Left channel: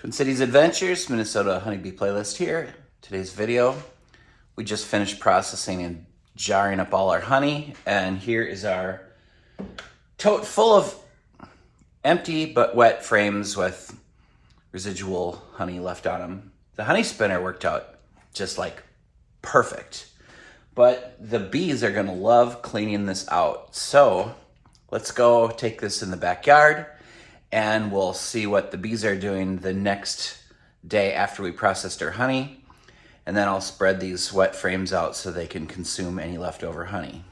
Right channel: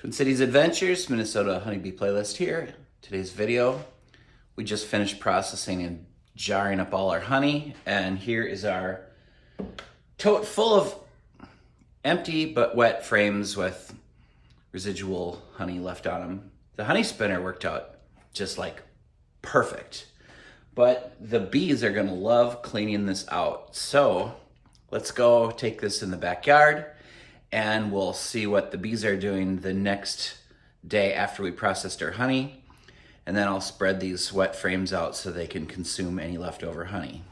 Twin Cities Adventures, Minnesota Honeybee Playlist here. Today's video, we just finished processing and jarring up all our honey, and here is our tote full of empty but wet frames with residual honey left on them. The honey spinner worked out just like perfect, but the bees are gonna love cleaning this out. So let's go take this in the backyard and we'll see what the bees are doing the next day after we processed our honey. And then I'll spread these wet frames out so they can consume any leftover honey.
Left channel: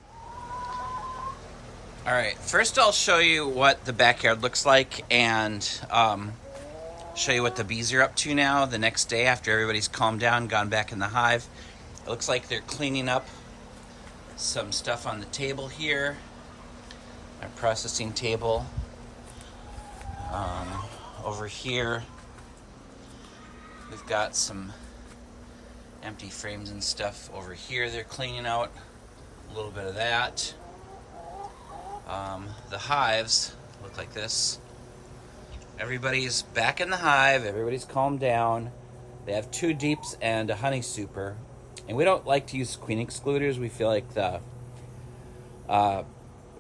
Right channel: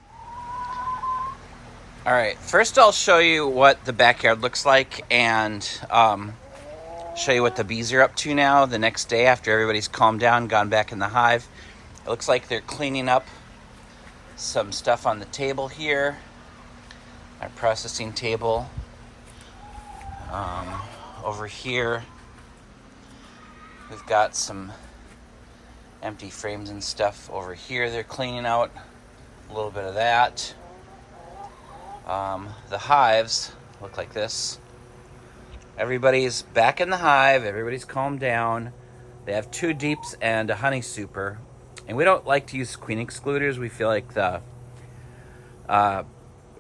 All right, first I'll show you what the backyard looks like and show you what the bees are up to now the next day after everybody's calmed down, gone back in the hive. It looks like they're cleaning up some stuff on the table here, our processing table. Over here, we've got some empty frames and stuff over here they're cleaning out, a little bit of that. The hives look like this. Everybody's back in the hive, everybody's calmed down. They have 2 deeps and a honey super. And we don't like to use queen excluders. We feel like the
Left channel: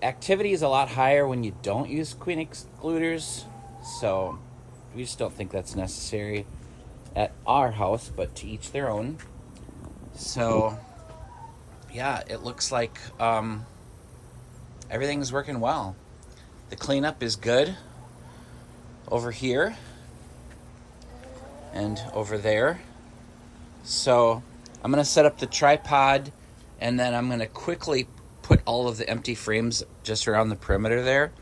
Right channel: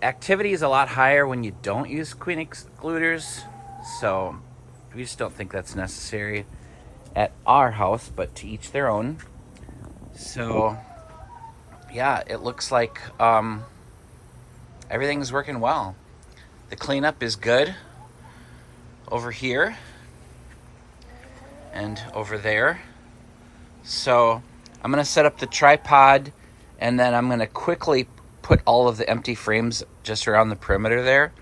activity is a lot higher when you don't use queen excluders. So we just don't think that's necessary at our house, but to each their own. So yeah, it looks like everything's working well. The cleanup is good over here and over there. So I'm gonna set up the tripod and then I'm gonna quickly put all of the empty frames just around the perimeter there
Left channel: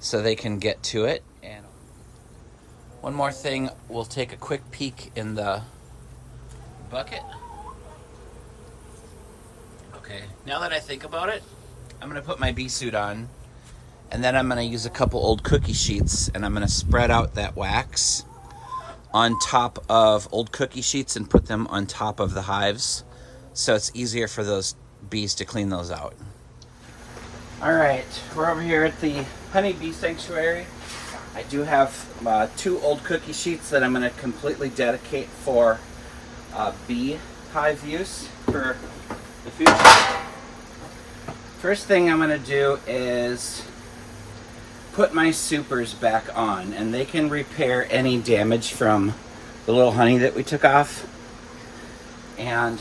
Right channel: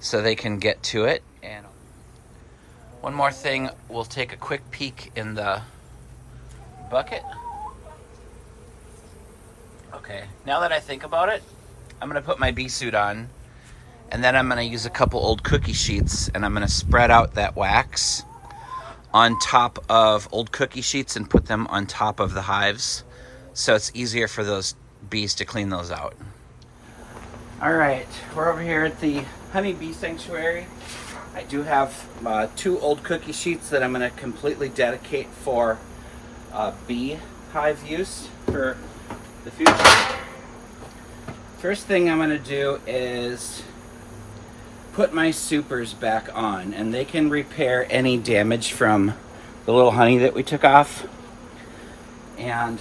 so they can get to it. And one more thing, we'll take a quick peek in the bucket. Okay, now that I think about it, I'm gonna put my bee suit on and then I'm gonna use a couple old cookie sheets and I'm gonna spread out that wax on top of old cookie sheets and put them on top of the hives so it's easier for those bees to clean those out. All right, we're over here at the honeybee sanctuary. I do have 2 old cookie sheets that I'm going to completely dedicate for bee hive use for the future. First thing I'm going to do is put my supers back on, and they can repair any damage from the little honey that we took off. And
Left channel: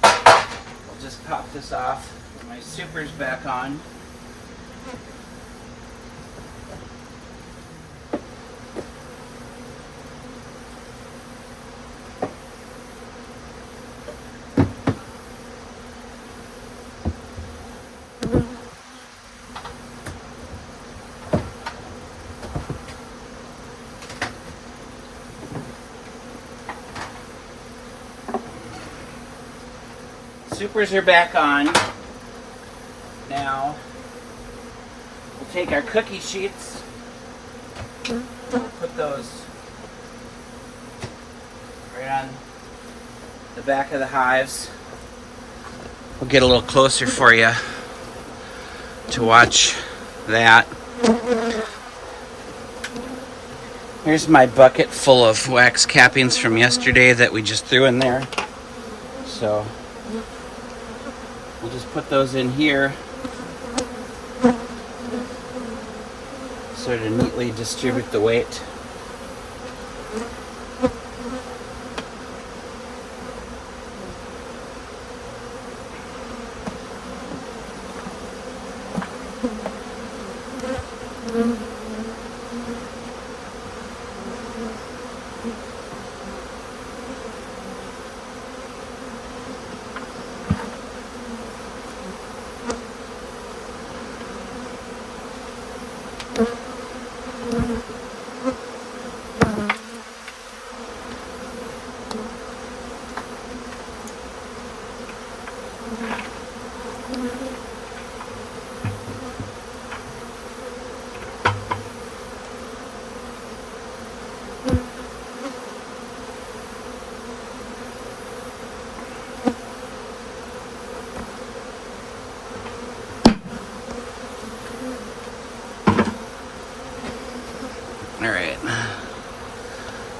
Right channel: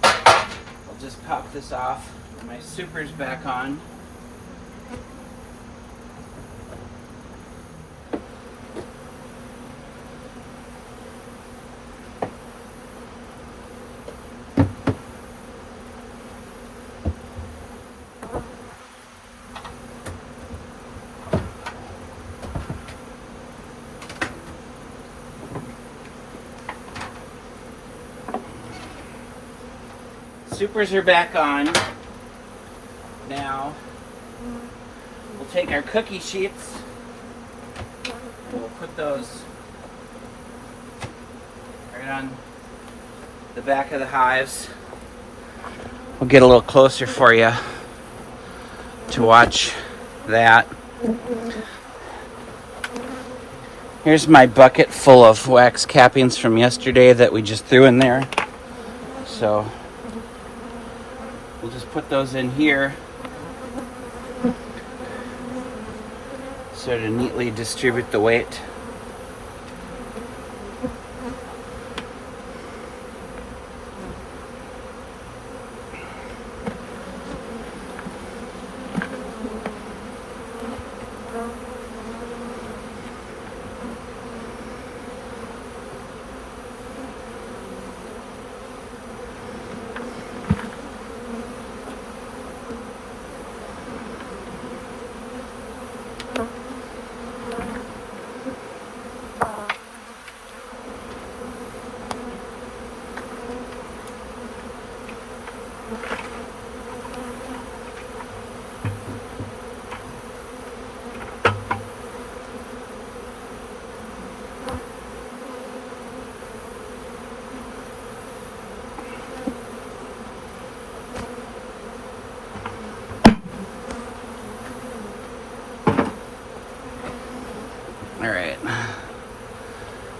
we'll just pop this off, put my supers back on. Supers are back on. Now we'll take our cookie sheets and we'll put those right on the back of the hives. We'll get a little closer for you to watch that. Here's my bucket full of wax cappings from yesterday that we just threw in there. So we'll just put those in here so to neatly distribute the weight.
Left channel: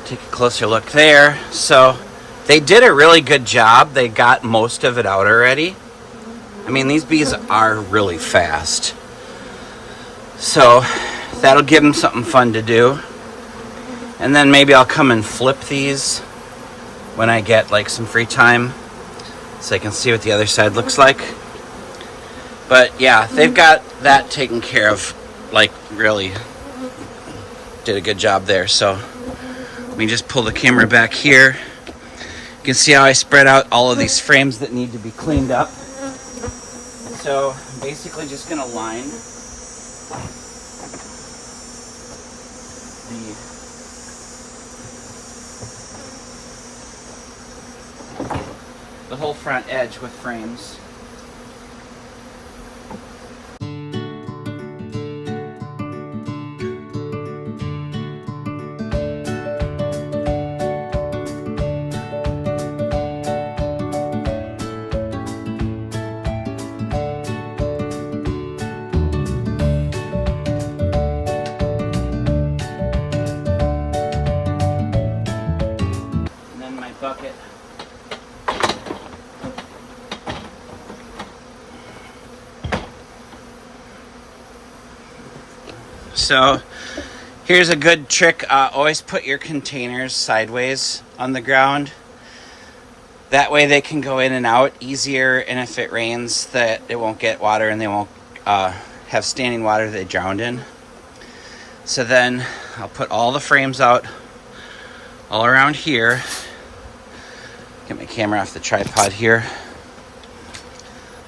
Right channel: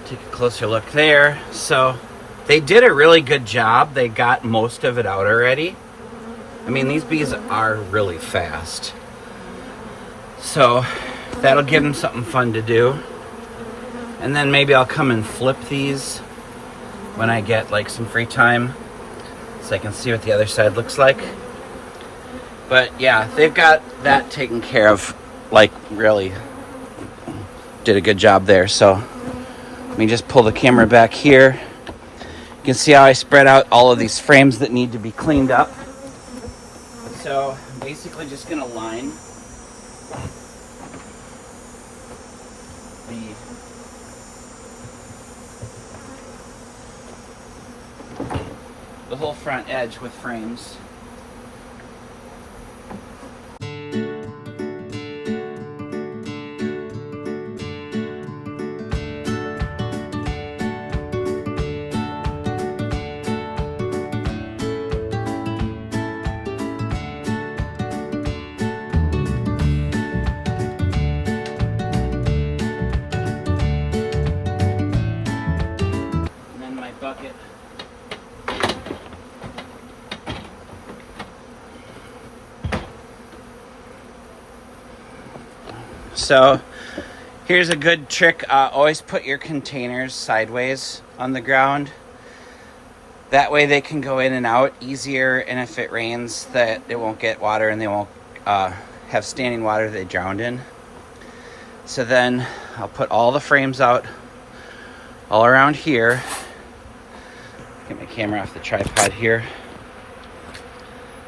Take a closer look there. So they did a really good job. They got most of it out already. I mean, these bees are really fast. So that'll give them something fun to do. And then maybe I'll come and flip these when I get like some free time, so I can see what the other side looks like. But yeah, they've got that taken care of, like really did a good job there. So let me just pull the camera back here. You can see how I spread out all of these frames that need to be cleaned up. So I'm basically just gonna line the whole front edge with frames. Bucket. So here's a good trick. Always put your containers sideways on the ground. That way they can go in and out easier, and if it rains that it won't get water and they won't have standing water they drowned in. So then I'll put all the frames out all around here. Get my camera off the tripod here.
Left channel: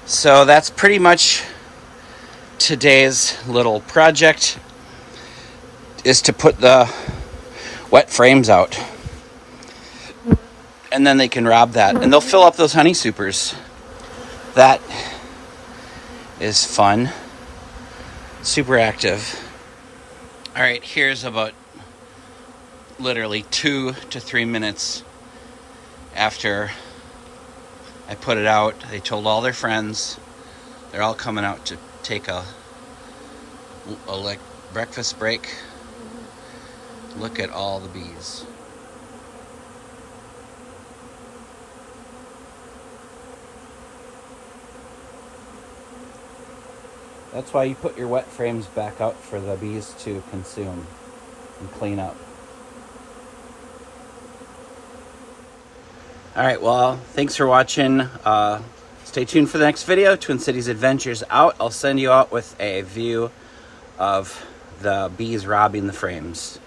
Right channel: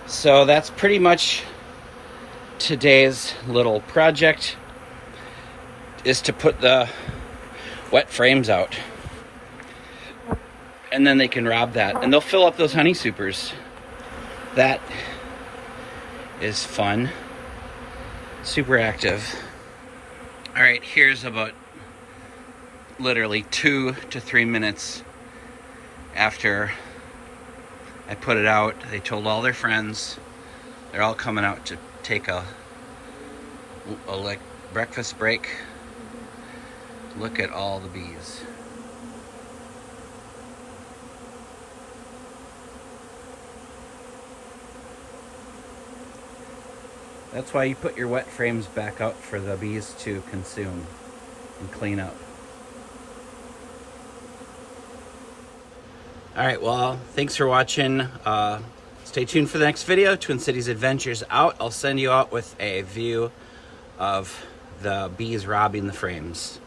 So that's pretty much today's little project, is to put the wet frames out. And then they can rob that. And they'll fill up those honey supers. That is fun. Super active. All right, here's about literally 2 to 3 minutes after I put it out. They told all their friends. They're all coming out to take a like breakfast break. Look at all the bees. That's why you put your wet frames back out for the bees to consume and clean up. All right, well, thanks for watching. Stay tuned for the next video, Twin Cities Adventures out. I'll send you out with a view of the bees robbing the frames.